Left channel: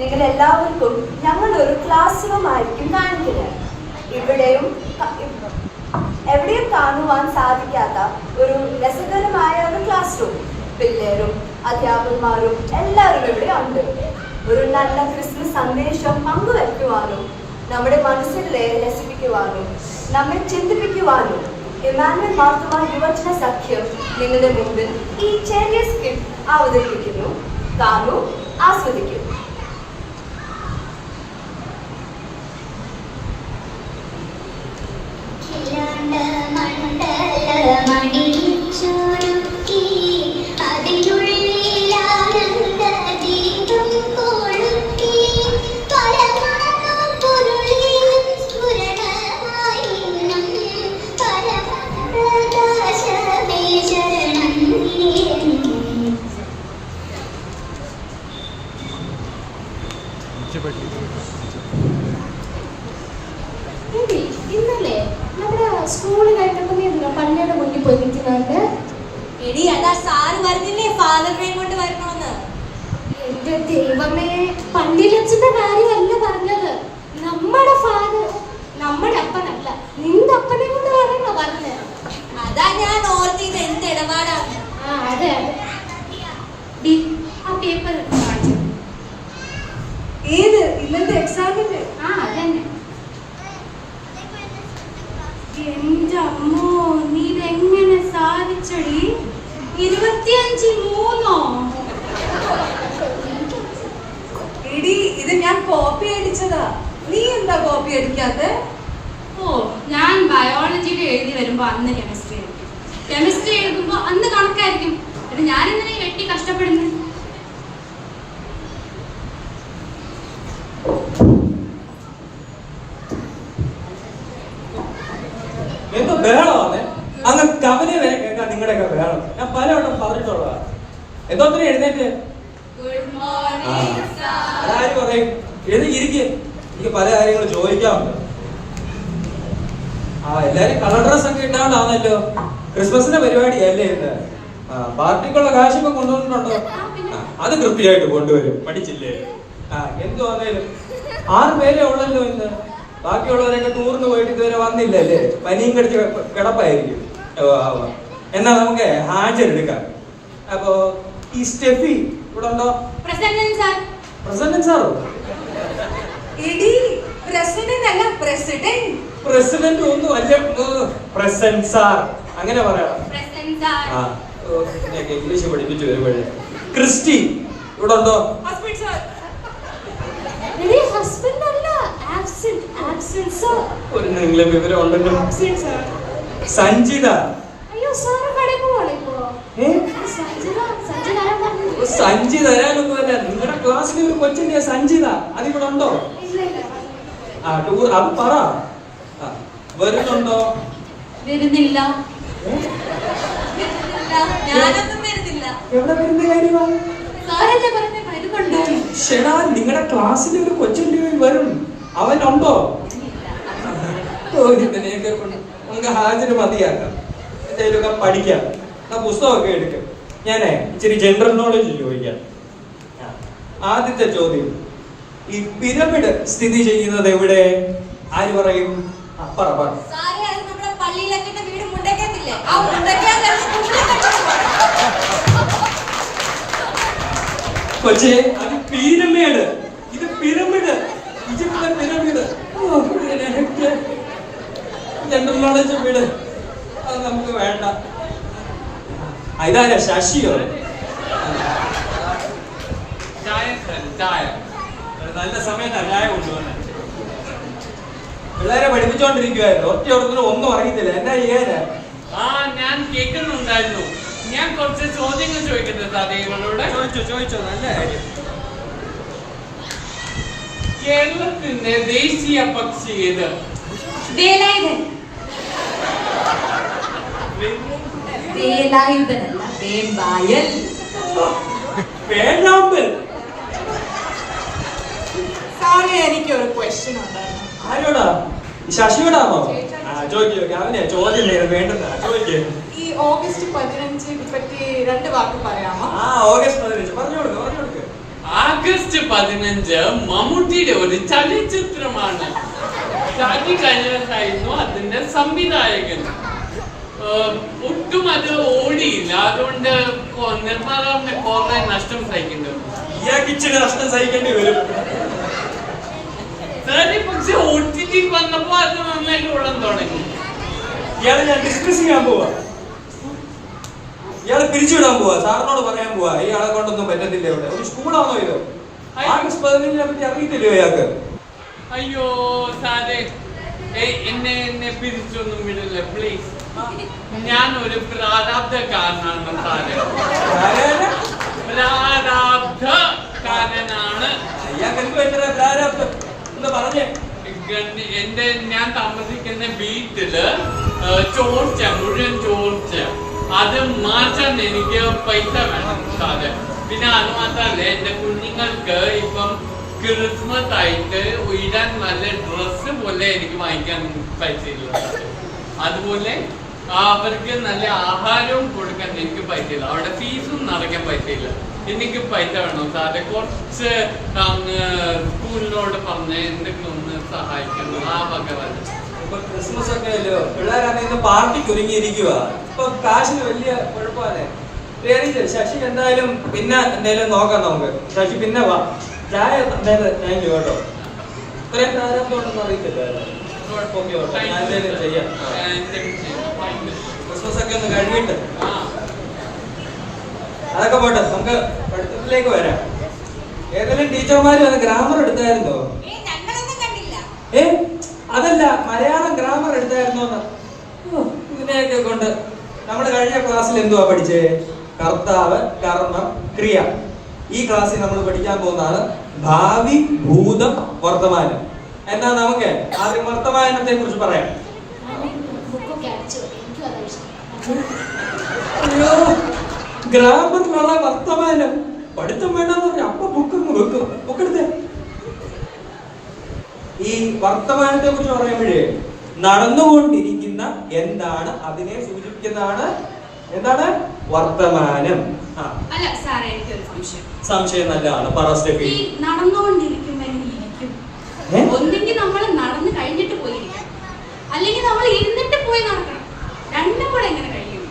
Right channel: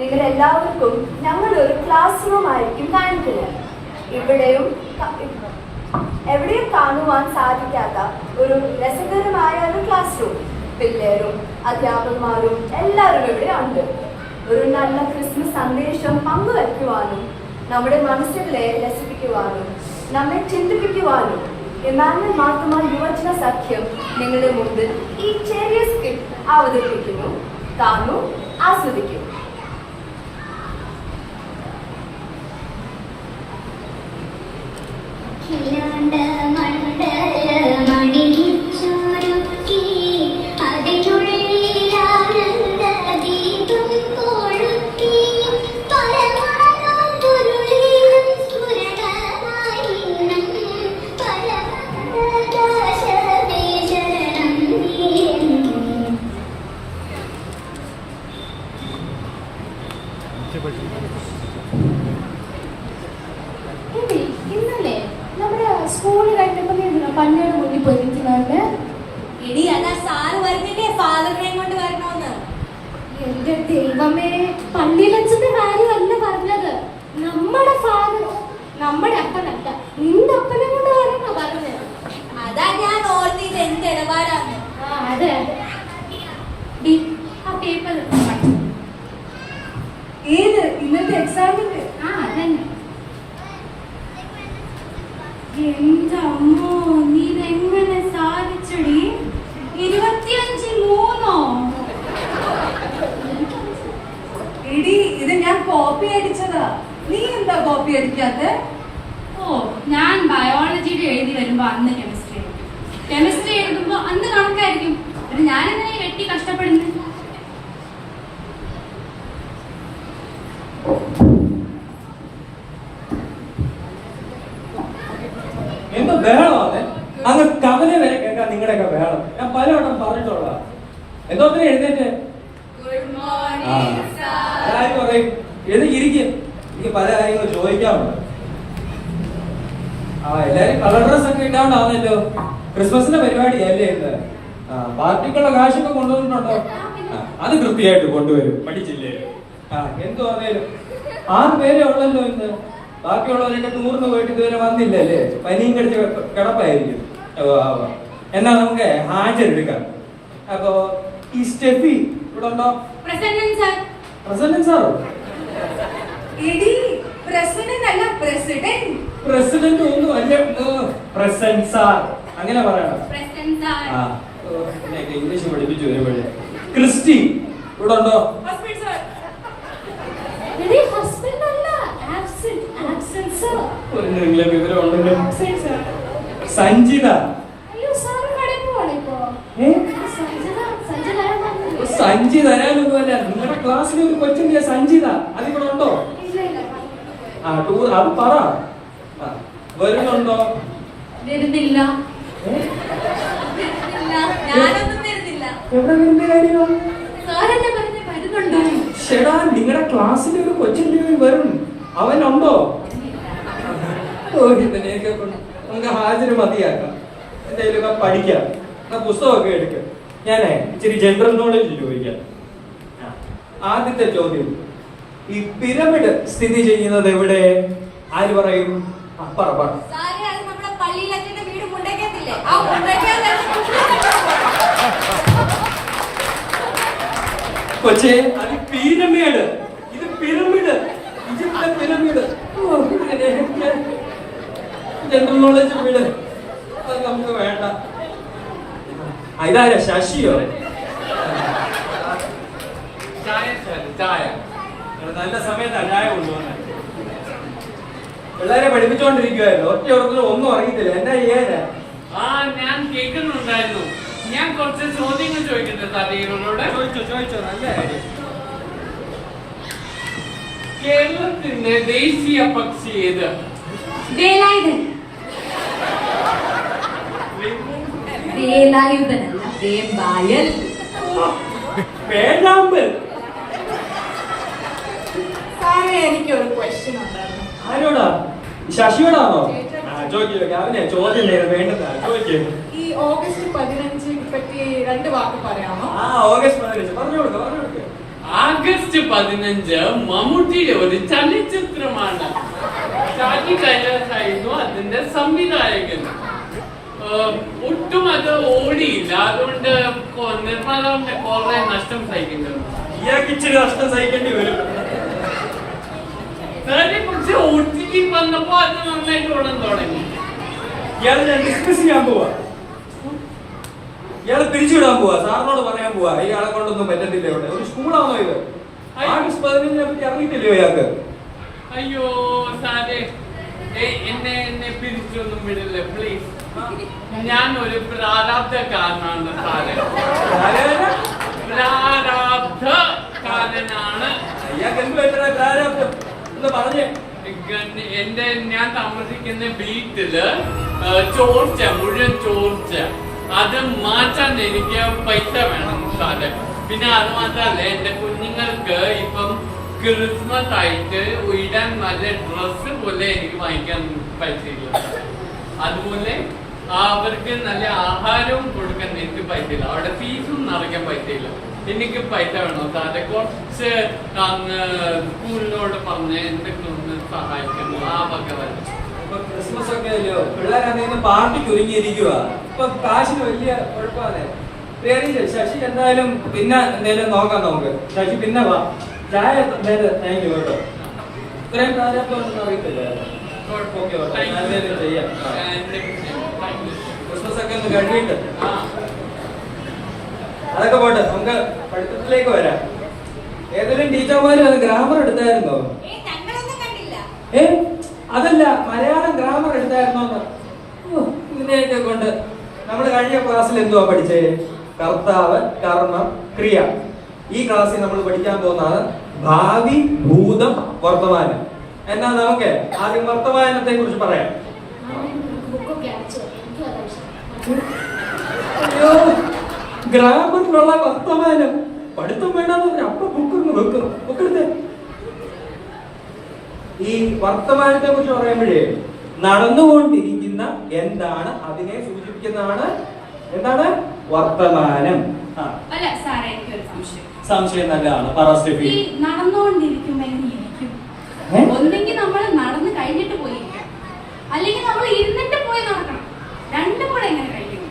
നിങ്ങളെല്ലാവർക്കും ഞങ്ങളൊരു class room ആയിരിക്കും കാണിക്കുന്നത്. എവിടെയും കാണുവാൻ സാധിക്കാത്ത ഒരു രസകരമായ ഒരു ക്ലാസ് റൂം. പിള്ളേരും അധ്യാപകന്മാരും എല്ലാവരും ഇവിടെ ഉണ്ട്. ഒരു നല്ല ക്രിസ്മസ് സന്ദേശം പങ്കുവയ്ക്കുവാനും നമ്മുടെ മനസ്സിലെ രസിപ്പിക്കുവാനും നമ്മെ ചിന്തിപ്പിക്കുവാനും ഇമ്മാനുവൽ മാർത്തോമാ യുവജന സഖ്യം നിങ്ങളുടെ മുമ്പിൽ ഈ ചെറിയ സ്കിറ്റ് അവതരിപ്പിക്കുന്നു. കാണൂ, ആസ്വദിക്കൂ. ഇന്നലെ നമ്മുടെ സ്കൂള് കഴിഞ്ഞപ്പോ പള്ളിയുടെ മുന്നിൽ പോയി നിൽക്കുന്നുണ്ട്. എടി അതാ സാറ് പറഞ്ഞില്ലേ ഫാദറിനെയും കൊണ്ട് വരണോന്ന്. എന്റെ ദൈവമേ, പള്ളിയിലച്ഛന്റെ കാര്യമല്ല പറഞ്ഞത്. നമ്മുടെ ഫാദർ, നമ്മുടെ അപ്പനല്ല, നിന്റെ അപ്പനെ കൊണ്ട് വരണോ പറഞ്ഞത്. അതാ ഞാൻ ഓർത്തിത് എന്ത് ഇടപാടാണ്. അതെ അതെ. ആ പേപ്പർ ഏത് ഇന്നത്തെ എക്സാമിന്? അതന്നെ. എന്റെ അമ്മോ, നീ ഇതെങ്ങനെ സാധിച്ചടി? 25-3 എടി, ഇത് ഞാൻ കോപ്പി അടിച്ചതാ. നീ എന്താ കോപ്പി അടിക്കാത്ത? ഞാൻ ബയോളജിയുടെ എഴുതി വരുമ്പോ അന്ന് കെമിസ്ട്രി എഴുതുമ്പോ അന്ന് കണക്കായിരിക്കും. ഞാനെങ്ങനെ വെട്ടി കഷ്ടപ്പെടുന്നു. എന്തോ ബഹളമാണ് അങ്ങ് കവല വരെ കേൾക്കാൻ നിങ്ങളുടെയൊക്കെ ബഹളം. ഞാൻ പലവട്ടം പറഞ്ഞിട്ടുള്ള എന്തോത്തിന് എഴുന്നേറ്റ് ആര് പറയും എഴുതിയിരിക്കും. എനിക്ക് പല കാര്യങ്ങളും ചോദിക്കാറുണ്ട്. എല്ലാരും കളർ ഡ്രസ് ഒക്കെ ഇട്ടാണ്ടാവുന്നല്ലോ. ക്രിസ്മസിന്റെ പരിപാടിയല്ലേ ഇന്ന്? പാർട്ടിക്കുള്ള കാശൊക്കെ കൊണ്ടുവന്നിട്ടുണ്ടോ? അത് കൃത്യമായിട്ട് കൊണ്ടുവരും. പഠിച്ചില്ലേ? എന്തോ ആണേലും 6 പേരേ ഉള്ളല്ലോ ഇന്ന്. ബാക്കിയുള്ളവരൊക്കെ ടൂറിന് പോയിട്ട് ഇതുവരെ വന്നില്ലല്ലേ? പനിയും കടിച്ച് കിടപ്പായിരിക്കും. എന്നാ നമുക്ക് ഹാജരെടുക്കാം. അപ്പൊ ഈ സ്റ്റെഫി ഇവിടെ ഉണ്ടോ? പ്രസന്നൻ സാറോ? പ്രസിഡന്റ് ഒന്നും അല്ല, പ്രസന്റ് സാർ അങ്ങനെ പറയണം. ഇംഗ്ലീഷ് പഠിപ്പിച്ചു വരുമ്പോഴേ. ക്രിസ്റ്റി ഇവിടെ ഉണ്ടോ? ഒരു നിങ്ങളെ വിവരം ഉണ്ടല്ലോ. സഞ്ജിത. സഞ്ജി തരാനൊന്നുമല്ല, നിങ്ങളുടെ ക്ലാസ്സിലെ ഒരു കൊച്ചിന്റെ സഞ്ജിത അതിവിടെ ഉണ്ടോ? ടൂർ അത് പറ. വരുന്നുണ്ടോ? വരുന്നില്ല. എവിടെ വരുന്ന കാര്യമോ? ഷെടാ, നിങ്ങളുടെ ക്ലാസ്സിലെ ഒരു കൊച്ചിന്റെ വരും. അവനുണ്ടോ? ഇതിനെയൊക്കെ നമുക്ക് ഹാജര് മതിയാക്കാം. എന്തെങ്കിലുമൊക്കെ പഠിക്കാം. പുസ്തകമൊക്കെ എടുക്കാം. ഞാനേ ഇച്ചിരി ജനറൽ നോളജ് ചോദിക്കാം. ആദ്യത്തെ ചോദ്യം, ഈ പിരമിഡ് സ്ഥിതി ചെയ്യുന്നത് എവിടെ? ആര് പറയും? പറ. കൊച്ചേ, അത് പിരമിഡ്. ഇത് പിരമിഡ്, ഈജിപ്തിലെ പിരമിഡ്. ജനറൽ നോളജ് വീട് അത് നമുക്ക് വേണ്ട. ഇതാരാ? ശശിയോ? ചായ നല്ല സമയത്താണ് ചായ കൊണ്ടുവന്നെ. പിള്ളേരെ പഠിപ്പിച്ചോണ്ടിരിക്കുവായിരുന്നു. ഒറ്റ ഒന്നും അറിയത്തില്ല. എന്നാ ചെയ്യാനാ? ഞാൻ കേൾക്കുന്നുണ്ടായിരുന്നു. ഞാൻ കുറച്ച് ചോദ്യങ്ങൾ ചോദിക്കുന്നത് അദ്ദേഹങ്ങളോട്. ചോദിച്ചോ. നല്ല കാര്യം. കേരളത്തിന്റെ ദേശീയ പക്ഷി ഏത്? വേലായുധനല്ല, വേമ്പായൽ. എനിക്കൊരു ക്വസ്റ്റ്യൻ ഉണ്ടായിരുന്നു. ആരോടാ? ശശിയോടാണോ? ചോദിക്കോ. അവനെ ചോദ്യം വേണ്ടതാ. ചോദിക്കേ. ഈ ഓഗസ്റ്റ് 15 പറ്റി 2 വാക്ക് പറയാമോ? ഓഗസ്റ്റ് 15 പറഞ്ഞു കൊടുക്ക. ആഗസ്റ്റ് 15 മമ്മൂട്ടിയുടെ ഒരു ചലച്ചിത്രമാണ്. ഷാജി കൈലാസായിരുന്നു അതിന്റെ സംവിധായകൻ. ഒട്ടും അത് ഓടിയില്ല, അതുകൊണ്ട് നിർമ്മാതാവിന്റെ കുറെ നഷ്ടം സഹിക്കേണ്ടി വരും. ഇയാൾക്ക് ഇച്ചിരി നഷ്ടം സഹിക്കേണ്ടി വരും. പക്ഷെ OTT വന്നപ്പോ അത് നന്നായിട്ട് ഓടാൻ തുടങ്ങി. ഇയാളെ ഞാൻ ഡിസ്കസ് ചെയ്യാൻ പോവാ, ഇയാളെ പിരിച്ചുവിടാൻ പോവാ, സാറിനോട് പറയാൻ പോവാ ഇയാളെ കൊണ്ടൊന്നും പറ്റത്തില്ല. ഇവിടെ ഒരു സ്കൂളാണോ ഇത്? ആഗസ്റ്റ് 15 പറ്റി അറിയത്തില്ലയോ ഇയാൾക്ക്? അയ്യോ സാറേ, എന്നെ പിരിച്ചൊന്നും വിടില്ല പ്ലീസ്. ഞാൻ ഒരു പ്രാരാബ്ധക്കാരനാണ് സാറേ, പ്രാരാബ്ധക്കാരനാണ്. ഇയാൾക്ക് എന്ത് പറ്റുന്ന പ്രാരാബ്ധം എന്ന് പറഞ്ഞേ. ഞാൻ താമസിക്കുന്ന വീട്ടില് ചോർച്ച, മുഴുവൻ ചോർച്ച, അത് മാറ്റാൻ എനിക്ക് പൈസ വേണം സാറേ. പിന്നെ അത് മാത്രല്ല, എന്റെ കുഞ്ഞുങ്ങൾക്ക് ഇപ്പം ക്രിസ്മസ് ആയിട്ട് ഇടാൻ നല്ല ഡ്രസ്സ് പോലെ എനിക്ക് വാങ്ങിക്കാൻ പറ്റില്ല. അതുപോലെ അവർക്ക് നല്ല ആഹാരവും കൊടുക്കാൻ എനിക്ക് പറ്റില്ല, അവിടെ ഫീസും നടക്കാൻ പറ്റില്ല. എനിക്ക് പൈസ വേണം സാറെ. കുറച്ച് അങ്ങ് സ്കൂളിനോട് പറഞ്ഞ് എന്തെങ്കിലും ഒന്ന് സഹായിക്കണം ആ വക വല്ല. ഇപ്പൊ ക്രിസ്മസ് ഒക്കെ അല്ലയോ, പിള്ളേരാണെങ്കിൽ പാർട്ടിക്ക് ഒരുങ്ങിയിരിക്കുക. ഇപ്പൊ കാശിന് വലിയ കുഴപ്പമാണ്. ശശി എന്തായാലും പിന്നെ എന്തായാലും നോക്കാം നമുക്ക്. ശശി പിന്നെ വാ, ചായ താങ്ക് യു കേട്ടോ. ഇത്രയും പ്രാരാബ്ദം അറിയത്തില്ല. ചെയ്യാം. ക്രിസ്മസ് ഒക്കെ ഒന്ന് കഴിയിട്ട് അതൊക്കെ പോട്ടെ, നമുക്ക് പഠിത്തത്തിലേക്ക് വരാം. ഏതെങ്കിലും ടീച്ചർമാര് വന്ന് ഗ്രാമർ എടുത്തായിരുന്നോ? അതല്ല, മലയാളം ഗ്രാമർ എടുത്തായിരുന്നോന്ന്. ഇതിനെയൊക്കെ കൊണ്ട് നമ്മൾ കഴിഞ്ഞ ക്ലാസ്സിൽ എന്തുവാ പഠിച്ചേ? കർത്താവ്, കർമ്മം, ക്രിയ. ഈ ക്ലാസ്സിൽ നമ്മൾ പഠിക്കാൻ പോകുന്നതാണ് ഭാവി, ഭൂതം, വർത്തമാനം. എന്നാ നമുക്ക് ആദ്യം വർത്തമാനത്തെ കുറിച്ച് പറയാം. അയ്യോ, ഗ്രാമറിലുള്ള വർത്തമാനം പഠിത്തം വേണ്ടെന്ന് പറഞ്ഞ അപ്പൊ ബുക്ക് വെക്കും. ബുക്കെടുത്തേ. ഈ വർത്തമാനത്തെ കുറിച്ച് പറയുമ്പോഴേ നടന്നുകൊണ്ടിരിക്കുന്ന എന്താണ് അതിനെ സൂചിപ്പിക്കുന്നതാണ് എന്താണ് വർത്തമാനം. അല്ല സാറേ, എനിക്കൊരു സംശയം. സംശയം നല്ലതാണ്, പറ സ്റ്റെഫി. ഈ നടന്നുകൊണ്ടിരിക്കുമ്പോ എങ്ങനെ ഇരിക്കും? ഒന്നെങ്കിൽ നമ്മൾ നടന്നു കഴിഞ്ഞിട്ട് പോയിരിക്കണം, അല്ലെങ്കിൽ നമ്മൾ ഇരുന്നിട്ട് പോയി നടക്കണം. രണ്ടും കൂടെ എങ്ങനെ കഴിയും?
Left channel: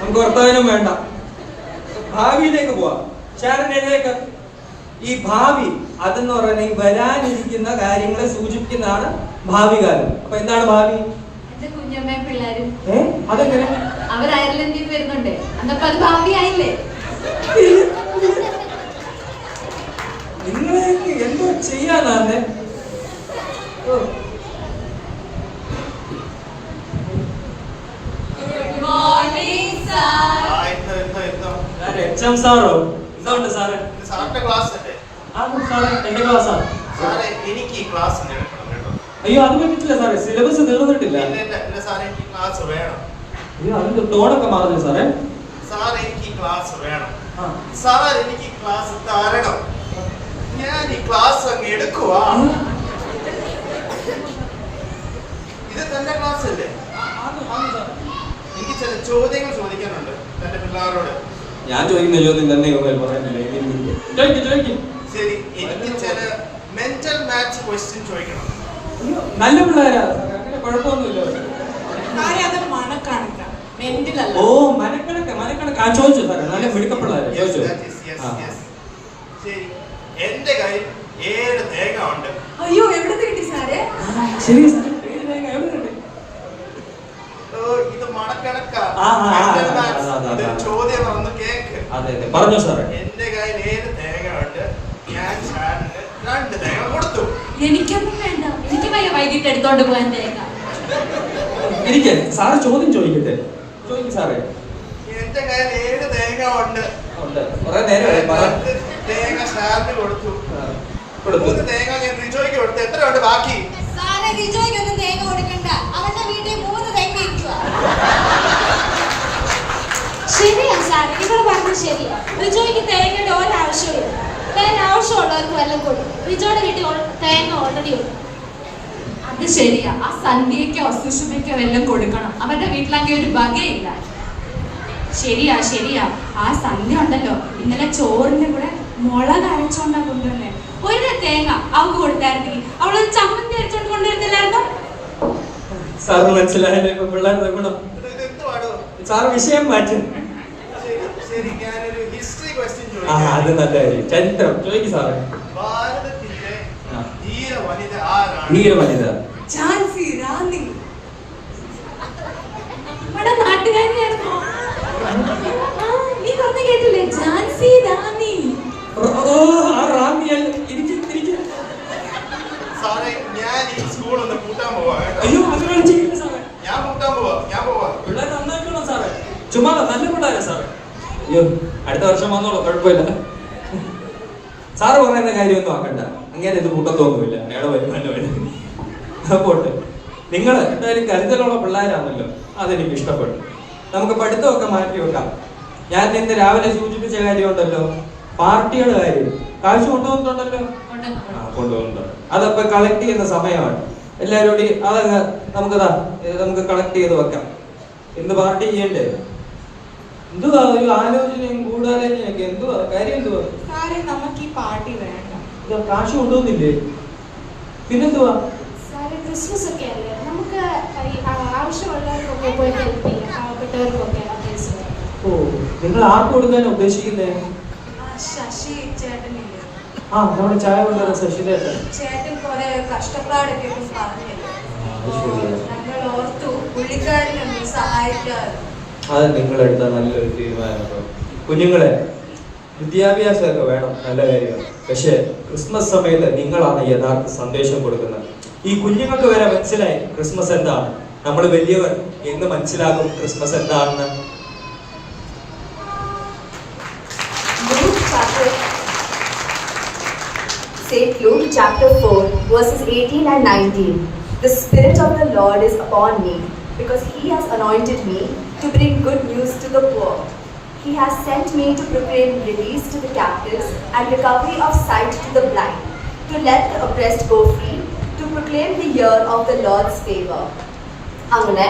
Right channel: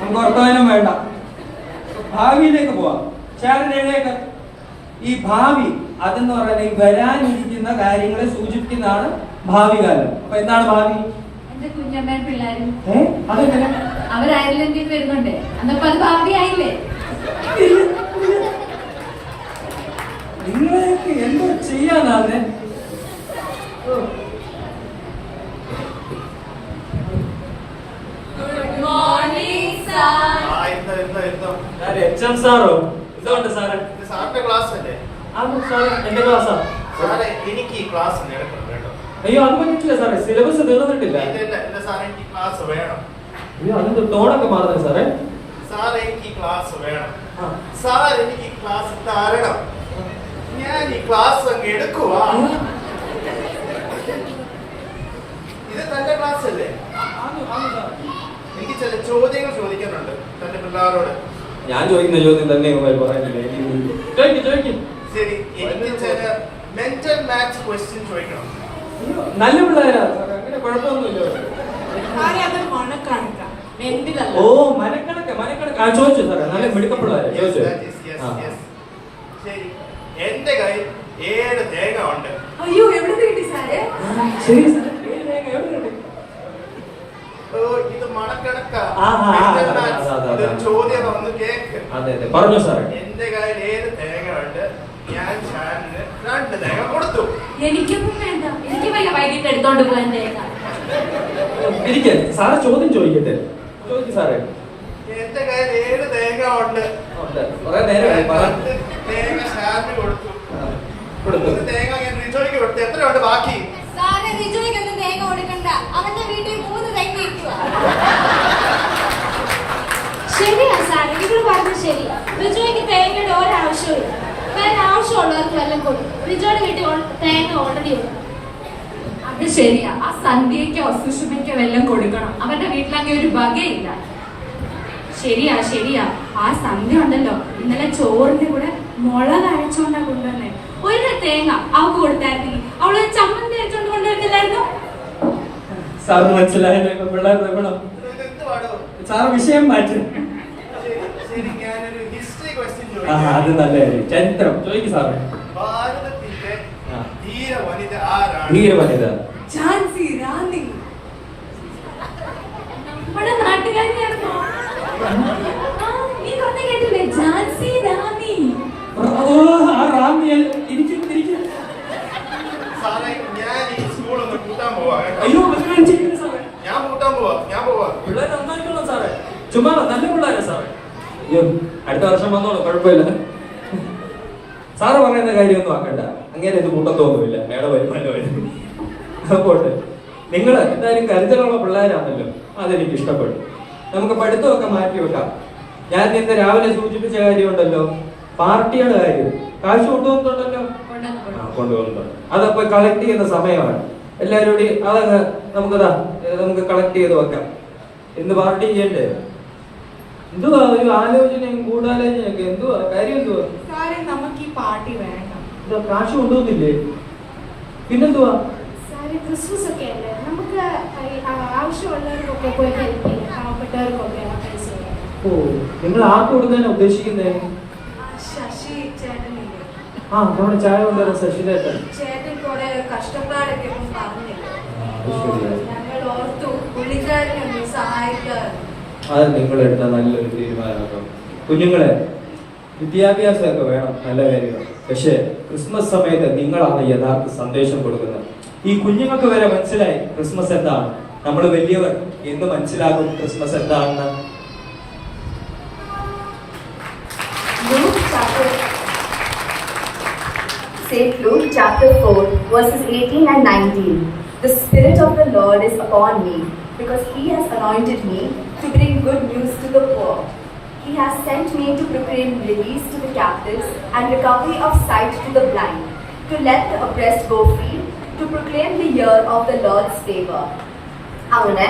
നമുക്ക് വർത്തമാനം വേണ്ട, ഭാവിയിലേക്ക് പോവാം. ശാരദയിലേക്ക്. ഈ ഭാവി അതെന്ന് പറയുന്നത് ഈ വരാനിരിക്കുന്ന കാര്യങ്ങളെ സൂചിപ്പിക്കുന്നതാണ് ഭാവി കാലം. അപ്പൊ എന്താണ് ഭാവി? എന്റെ കുഞ്ഞമ്മയും പിള്ളേരും അതെങ്ങനെ? അവർ അയർലൻഡിൽ വരുന്നുണ്ടേ, എന്നപ്പോ അത് ഭാവി ആയില്ലേ? നിങ്ങളെയൊക്കെ എന്തോ ചെയ്യാനാണ്? സാറോ ഇതുണ്ട് സാറേ? സാറിന്റെ ക്ലാസ് അല്ലേ? എന്റെ ക്ലാസ്സാണ്. എനിക്ക് ഈ ക്ലാസ് എടുക്കണം കേട്ടോ. അയ്യോ അത് പറ്റില്ല സാറേ, സിലബസ് തീർന്നിട്ടില്ല. സാറേ എനിക്ക് ക്ലാസ് വേണം. അയ്യോ അതിന്റെ ടോണൊക്കെ മാറുന്നു സാറേ. സാർ എനിക്ക് ഈ ക്ലാസ് വേണം. സാർ എനിക്ക് ഈ ക്ലാസ് തരണം. ഞാൻ ഈ ക്ലാസ് അങ്ങ് എടുക്കുവാ. ഇത് തന്റെ ക്ലാസ് അല്ലേ? എനിക്ക് ചില ചോദ്യങ്ങൾ ചോദിക്കാനുണ്ട് തന്റെ പിള്ളേരോട്. ഞാൻ ചോദിക്കുന്ന ചോദ്യം തന്നെ പറയാനില്ലേ? ശരി, എനിക്ക് ചില മെന്റൽ മാത്സ് ക്വസ്റ്റ്യൻ ചോദിക്കണം. നല്ല പിള്ളേരാ, അങ്ങനെ കുഴപ്പമൊന്നുമില്ല. ഓ മനക്കണക്ക് മനക്കണക്ക്. ആ ചോദിച്ചു സാറേ, നല്ല മിടുക്ക പിള്ളേരാ. ചോദിച്ചു. ശരി, എന്റെ കയ്യിൽ 7 തേങ്ങ ഉണ്ട്. അയ്യോ, എവിടെ കിട്ടി സാറേ? ശരി സാറേ, 7 തേങ്ങ എവിടെ കിട്ടി? ഇത് മണക്കണക്കാ. ചോദ്യം ഒന്ന് കേക്ക്. അതെ പറഞ്ഞു സാറേ. എന്റെ കയ്യിൽ 7 തേങ്ങ ഉണ്ട്. ഞാൻ ഷാനിന് 2 തേങ്ങ കൊടുത്തു. എനിക്കൊന്നും വേണ്ട, എനിക്ക് വൈകിട്ട് എടുത്തോണ്ട് പോകാൻ തേങ്ങ. ഇരിക്കേ സാറ് ചോദ്യം ചോദിക്കട്ടെ. ചോദിക്കും സാറേ. എന്റെ കയ്യിൽ 7 തേങ്ങ ഉണ്ട്. തേങ്ങ ഷാനിന് കൊടുത്തു. 3 തേങ്ങ ഞാൻ റിജോയ്ക്ക് കൊടുത്തു. എത്രയുണ്ട് ബാക്കി? സാറേ, റിജോയ്ക്കൊന്നും തേങ്ങ കൊടുക്കണ്ട. അവന്റെ വീട്ടിൽ 3 തേങ്ങ ഇരിക്കുക. ശരിയാ സാറേ, ഇവള് പറഞ്ഞത് ശരിയാ. റിജോയ്ക്ക് തേങ്ങയുടെ ഒരാവശ്യമില്ല. വേറെ ആവശ്യമുള്ളവർക്ക് വല്ലതും കൊടുക്കും. റിജോയുടെ വീട്ടിൽ തേങ്ങ ഓൾറെഡി ഉണ്ട്. അത് ശരിയാ, ആ സന്ധ്യക്കോ സുഷുമയ്ക്കോ എല്ലാം കൊടുക്കണം. അവരുടെ വീട്ടിലാകെ ഒരു വകയില്ല. ശരിയാ ശരിയാ. ആ സന്ധ്യ ഉണ്ടല്ലോ, ഇന്നലെ ചോറിന്റെ കൂടെ മുളക് അരച്ചോണ്ടാ കൊണ്ടുവന്നേ. ഒരു തേങ്ങ അവക്ക് കൊടുത്തായിരുന്നെങ്കിൽ അവളൊരു ചമ്മന്തി അരച്ചോണ്ട് കൊണ്ടുവരുന്നില്ലായിരുന്നോ? സാറിന് മനസ്സിലായല്ലോ ഇപ്പൊ പിള്ളേരുടെ ഗുണം. ഇതെന്തുവാടോ? സാറ് വിഷയം മാറ്റും. ശരി, ഞാനൊരു ഹിസ്റ്ററി ക്വസ്റ്റ്യൻ ആ അത് നല്ല കാര്യം. ചരിത്രം ചോദിക്കും സാറേ. ഭാരതത്തിന്റെ ആ. ധീര വനിത ആരാണ്? ധീര വനിത ഝാൻസി റാണി. നമ്മുടെ നാട്ടുകാരിയായിരുന്നോ? നീ പറഞ്ഞ കേട്ടില്ലേ? ഝാൻസി റാണി. ആ റാമിയൽ ഇരിക്കും. സാറേ, ഞാൻ ഈ സ്കൂൾ ഒന്ന് കൂട്ടാൻ പോവാ കേട്ടോ. അയ്യോ അത് വേണം ചെയ്യില്ല സാറേ. ഞാൻ കൂട്ടാൻ പോവാ. പിള്ളേർ നന്നായിട്ടുള്ള സാറേ. ചുമ്മാ നല്ല പിള്ളേരാ സാറേ. അയ്യോ അടുത്ത വർഷം വന്നോളൂ, കുഴപ്പമില്ല. സാറ് പറയുന്ന കാര്യമൊന്നും ആക്കണ്ട. അങ്ങനെ ഇത് കൂട്ടത്തൊന്നുമില്ല. അയാളെ വരുമാനമല്ല. പോട്ടെ. നിങ്ങൾ എന്തായാലും കരുതലുള്ള പിള്ളേരാണല്ലോ, അതെനിക്ക് ഇഷ്ടപ്പെട്ടു. നമുക്ക് പഠിത്തമൊക്കെ മാറ്റി വെക്കാം. ഞാൻ ഇന്ന് രാവിലെ സൂചിപ്പിച്ച കാര്യമുണ്ടല്ലോ, പാർട്ടിയുടെ കാര്യം. കാശ് കൊണ്ടുവന്നിട്ടുണ്ടല്ലോ. കൊണ്ടുവന്നിട്ടുണ്ട്. അതപ്പോ കളക്ട് ചെയ്യുന്ന സമയമാണ്. എല്ലാവരോടും അതങ്ങ് നമുക്ക് കളക്ട് ചെയ്ത് വെക്കാം. ഇന്ന് പാർട്ടി ചെയ്യണ്ടേ? എന്തുവാ ഒരു ആലോചനയും ഗൂഢാലോചനയൊക്കെ? എന്തുവാ കാര്യം? എന്തുവാ സാറേ, നമുക്ക് ഈ പാർട്ടി വേണ്ട. ഇത് കാശ് കൊണ്ടുവന്നില്ലേ? പിന്നെന്തുവാ? സാറേ, ക്രിസ്മസ് ഒക്കെ അല്ലേ, നമുക്ക് ആവശ്യമുള്ളവർക്കൊക്കെ പോയി ഹെൽപ്പ് ചെയ്യാം, പാവപ്പെട്ടവർക്കൊക്കെ ആ പൈസ. ഓ, നിങ്ങൾ ആർക്ക് കൊടുക്കാനാ ഉദ്ദേശിക്കുന്നേ? ശശി ചേട്ടനില്ലേ? ആ നമ്മുടെ ചായ കൊണ്ടുവരാൻ ശശിരേട്ടൻ. ചേട്ടൻ കുറെ കഷ്ടപ്പാടൊക്കെ പറഞ്ഞില്ലേ? ശരിയാ. ഞങ്ങൾ ഓർത്തു പുള്ളിക്കാരനെ ഒന്ന് സഹായിക്കാൻ. അത് നിങ്ങളെടുത്ത നല്ലൊരു തീരുമാനമാണ്. കുഞ്ഞുങ്ങളെ, വിദ്യാഭ്യാസമൊക്കെ വേണം, നല്ല കാര്യമാണ്. പക്ഷേ ക്രിസ്മസ് സമയത്ത് നിങ്ങളാണ് യഥാർത്ഥ സന്ദേശം കൊടുക്കുന്നത്. ഈ കുഞ്ഞുങ്ങൾക്ക് വരെ മനസ്സിലായി ക്രിസ്മസ് എന്താണ്. നമ്മൾ വലിയവർ എന്ന് മനസ്സിലാക്കും ക്രിസ്മസ് എന്താണെന്ന്. St. Luke chapter 4 verses 18 and 19. The Spirit of the Lord is upon me, because He has anointed me to bring good news to the poor. He has sent me to proclaim release to the captives and recovery of sight to the blind, to let the oppressed go free, to proclaim the year of the Lord's favor. അങ്ങനെ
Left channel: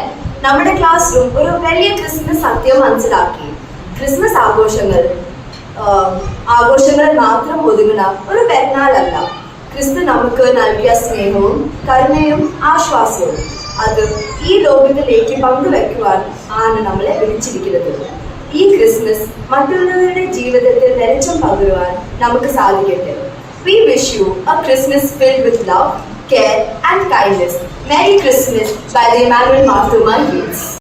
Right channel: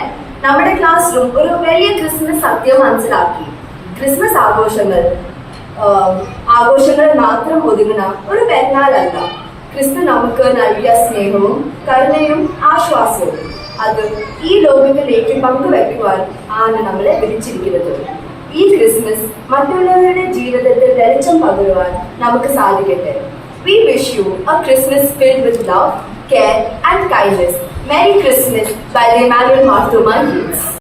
നമ്മുടെ class room ഒരു വലിയ Christmas സത്യം മനസ്സിലാക്കി. Christmas ആഘോഷങ്ങൾ മാത്രം ഒതുങ്ങുന്ന ഒരു പെരുന്നാളല്ല. ക്രിസ്തു നമുക്ക് നൽകിയ സ്നേഹവും കരുണയും ആശ്വാസവും അത് ഈ ലോകത്തിലേക്ക് പങ്കുവെക്കുവാൻ ആണ് നമ്മളെ വിളിച്ചിരിക്കുന്നത്. ഈ ക്രിസ്മസ് മറ്റുള്ളവരുടെ ജീവിതത്തിൽ വെളിച്ചം പകരുവാൻ നമുക്ക് സാധിക്കട്ടെ. We wish you a Christmas filled with love, care and kindness. Merry Christmas by the Emmanuel Marthoma Youths.